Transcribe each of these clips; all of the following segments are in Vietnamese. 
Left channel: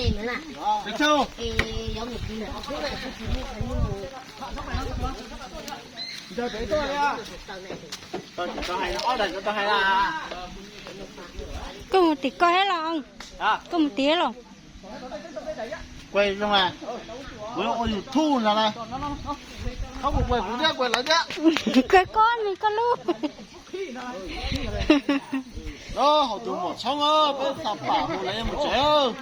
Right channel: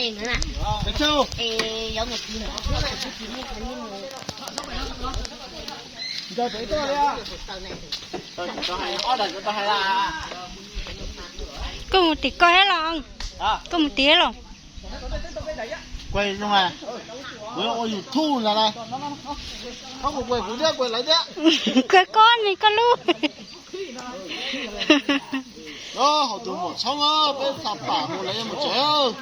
này nữa nè. Được chưa? Giống như kia nữa. Giờ tới tôi đi à. Tôi hay là order cho tôi hay là. Có một tí coi hết lòng. Có một tí lòng. Quay không à? Với ôi thu là này. Không có quay cũng thế, quay lại thế. Cái con này con lu. Đó, họ tụi một xong á, bên sạp bả một lấy một chế ơ.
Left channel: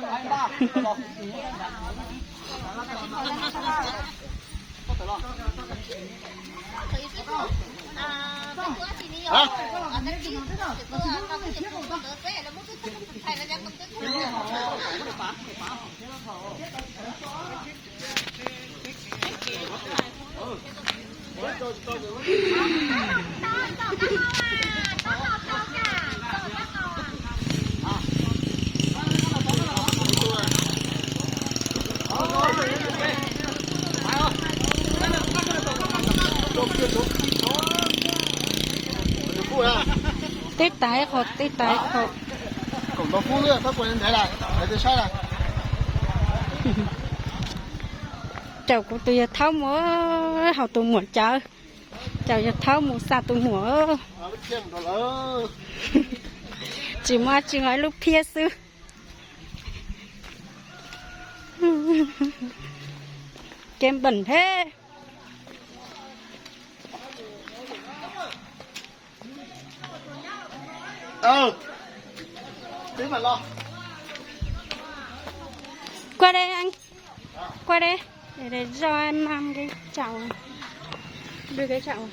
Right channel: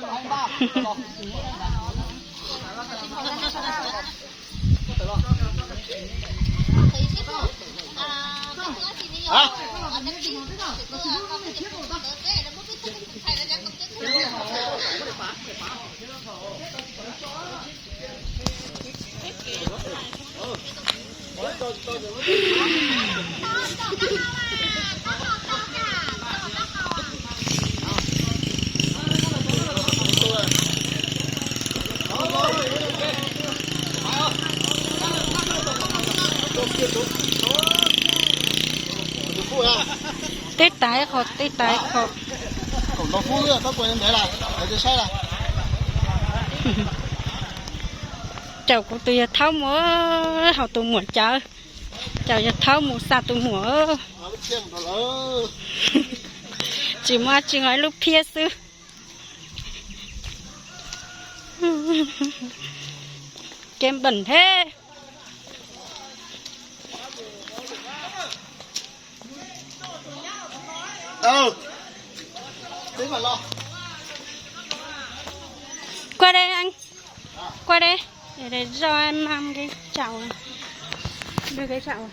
Tết tái khó, tết tái khó. Cổng đó phu nữa, bác quay lên thế này, để tôi sai này. Cháu của tôi tháo múa, họ tôi muốn chơi. Cháu tháo múa xa tôi múa. Chỉ mà chỉ nói lúc phía sư. Kem bẩn thế. Tí mà lo. Qua đây anh. Qua đây. Để cho em làm cái chảo này. Đưa cái chảo này.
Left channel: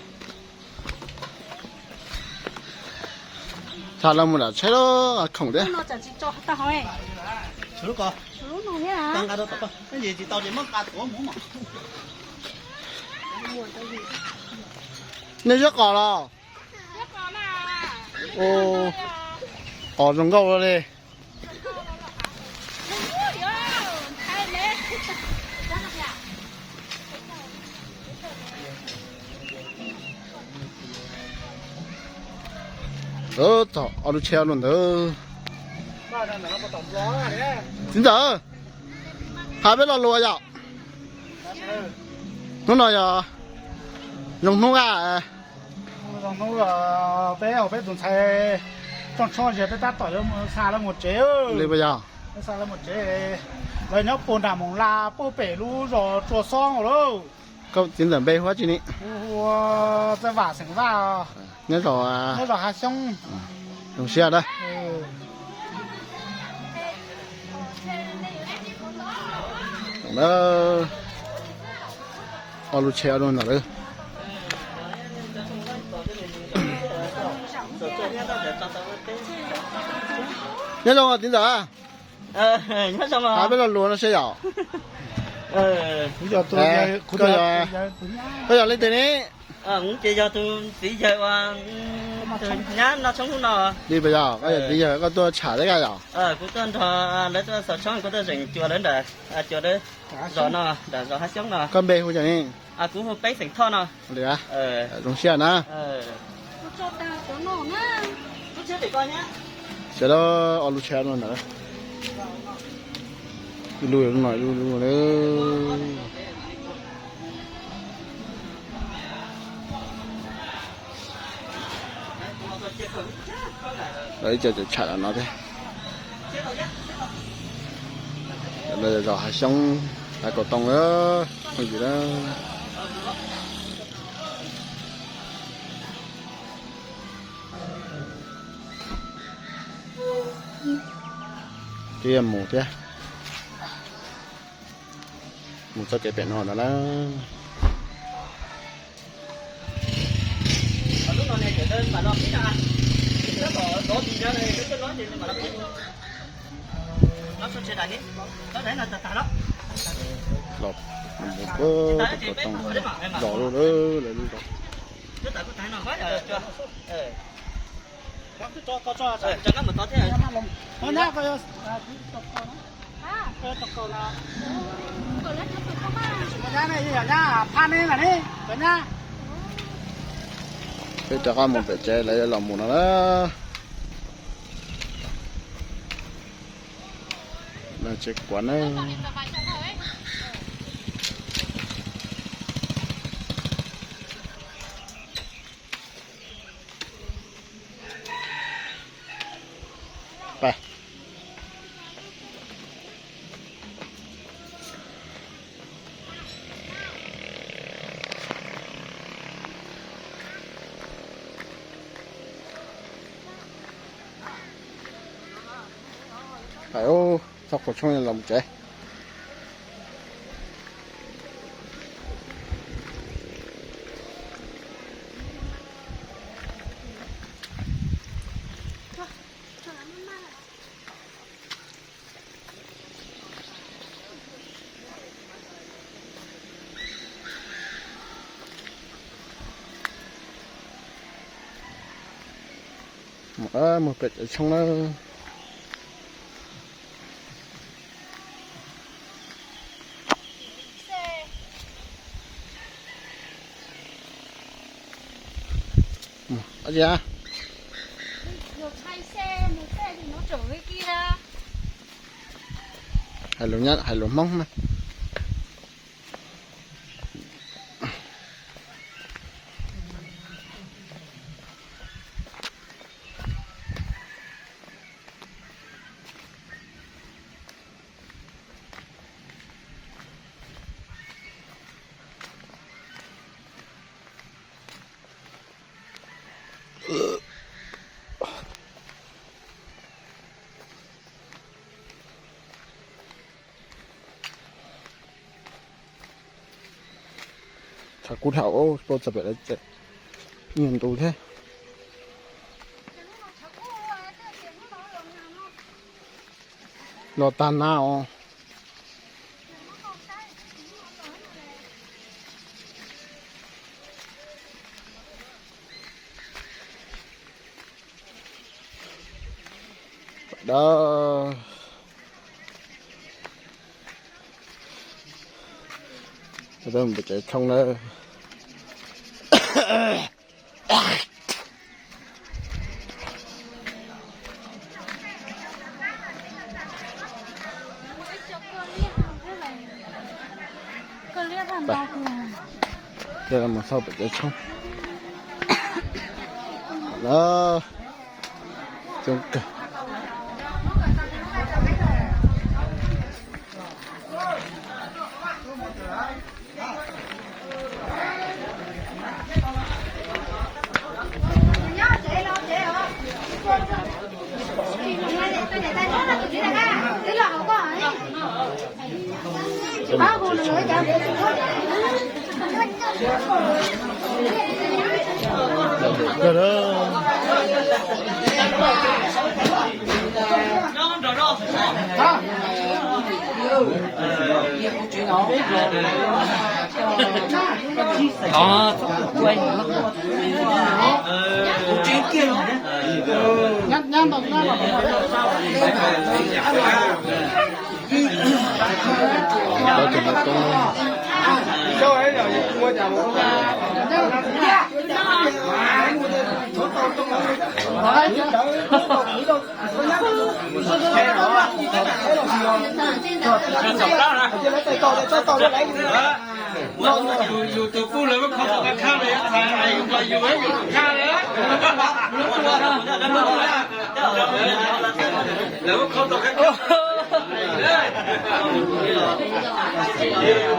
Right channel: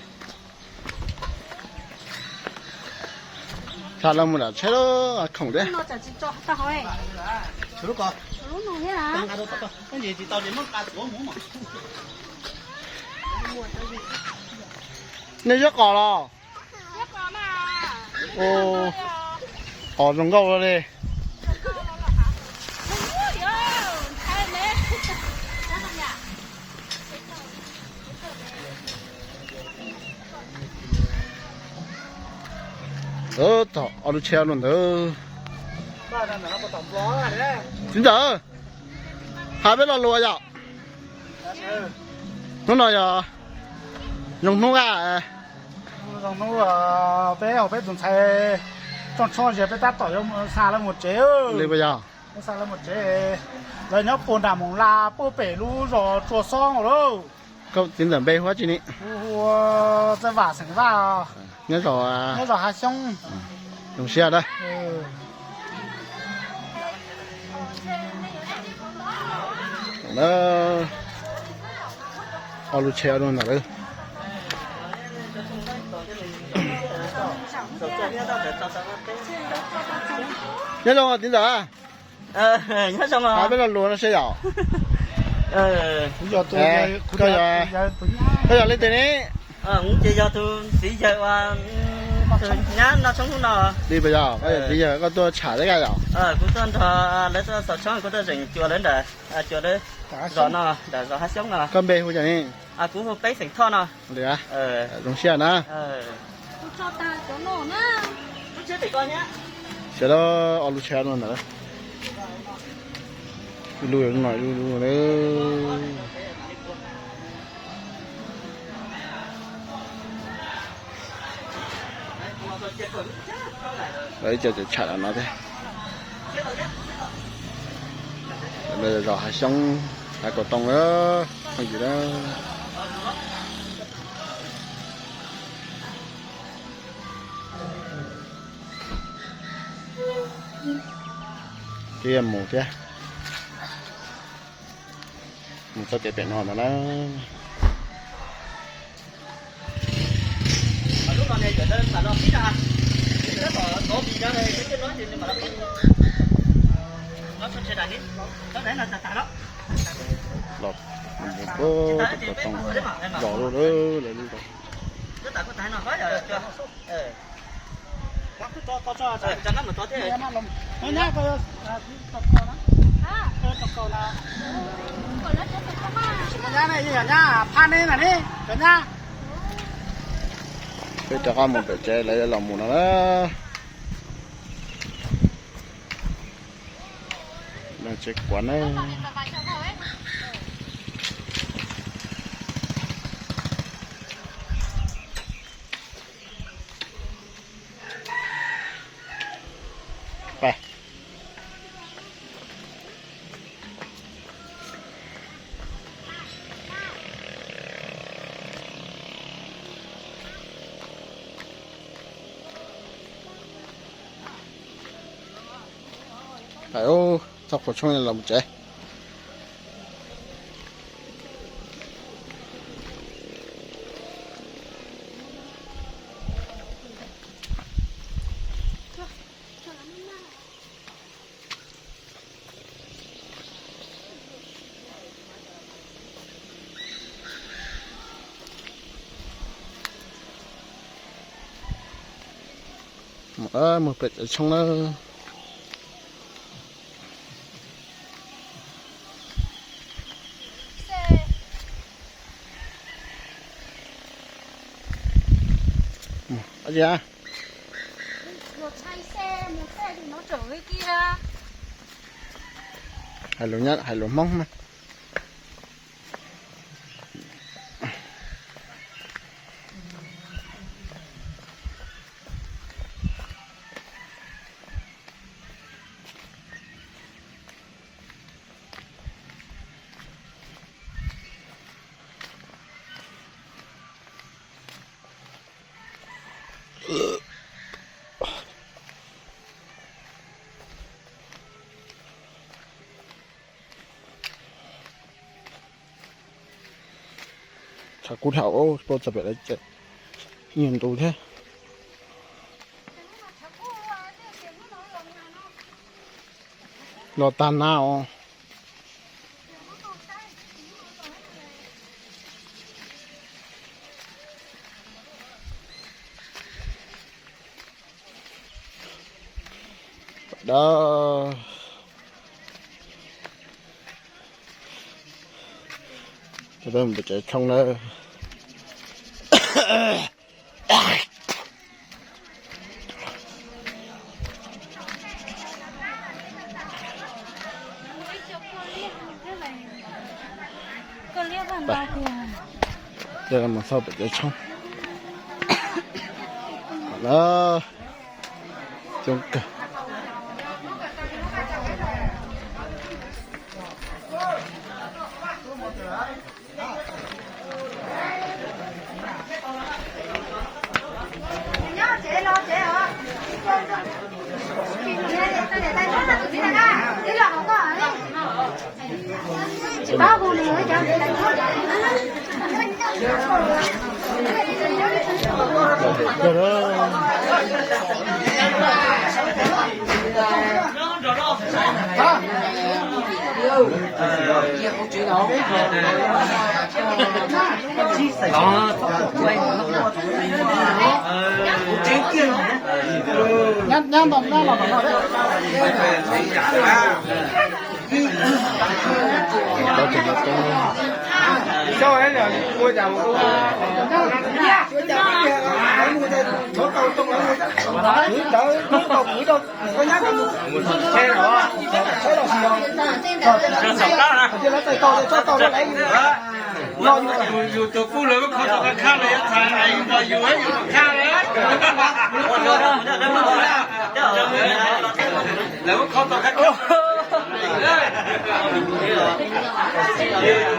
Sao là một là chế đó khổng đấy. Chế lúc à? Tăng cả đó tăng. Cái gì chỉ tao chỉ mất cả tổ muốn mà. Nên rất cỏ rồi. Rất có mà. Ồ. Ở trong gâu đó đi. Thọ, ở đây treo luôn đó. Chính giờ. Hai bên là lùa vậy. Nó nói giờ. Dùng nung à. Dùng nung bé ở bé dùng xài. Cho giờ bé ta tỏi cho xa là một chế ơi. Đi bây giờ. Xa là một chế. Rồi nhóc bồn đàm mỏng la, bố bể lu rồi chùa xong rồi đâu. Câu chính dẫn bê hóa chứ nhỉ? Ủa, sẽ vả sẵn vào. Nhớ rồi à. Nhớ rồi hả xong. Đồng xe đây. Đó. Ở lụt xe luôn rồi. Nhớ rồi chính giờ. Nhớ xong rồi. Hai bên là luôn nó sẽ dạo. Giờ tôi bây giờ lên tiền ấy. Cũng chỉ cho tôi tí giờ qua nhá nó sống nào. Đi bây giờ có tôi trả đấy cái nào. Cũng tôi thọ lấy tôi sọt chọn của tôi rình chùa đến để chùa đấy rõ nó để rõ hát sống nào. Con bê không chẳng đi. Cũng một bánh sành thon nào. Được à? Đúng xe nè. Cho ta có nổ nữa. Chưa để con nhá. Xe đó ở lụt xe luôn nữa. Lùi nó nói lùi nữa. Đấy chờ chả là nó thế. Bây giờ dò hai xong hai cổ tông đó không gì đó. Thì em mù thế. Một số trẻ tiện hoàn là nó. Lúc nào này trở nên mà nó biết à. Nó gì ra đây, cái nói gì mà nó biết. Nó xuống xe này đi. Nó đấy là tại đó. Lọt một bơ thì có tông rõ luôn đó là luôn rồi. Cứ tại có tại nó quá rồi cho. Cho cái mình có thế. Nó nè tôi tập con đó. À. Tập con là. Cái này gì nhá, phan lên là đi, cái nhá. Cái cho con một cái chế lấy lòng một nó đó. là chết quán ấyไปphải ô thọc vào trong này là một trái một bệt ở trong nó ở gì à? Một thay xe, một xe thì nó trở về kia. Hai lỗ nhát, hai lỗ mông mà. Chả cút hậu ô, tôi tập lại chạy nhìn tù thế. Lo tan nào. Đó. Cho tôi mình chạy không nữa. Đây là một sau bị chạy trong. Đó. Chúng cả. Đó thì là conอยู่ตัวผู้เลยว่าเขาต้องข้ามเลยทางไหนอยู่ไว้อยู่ข้างเลยแล้วว่าเขาต้องข้าม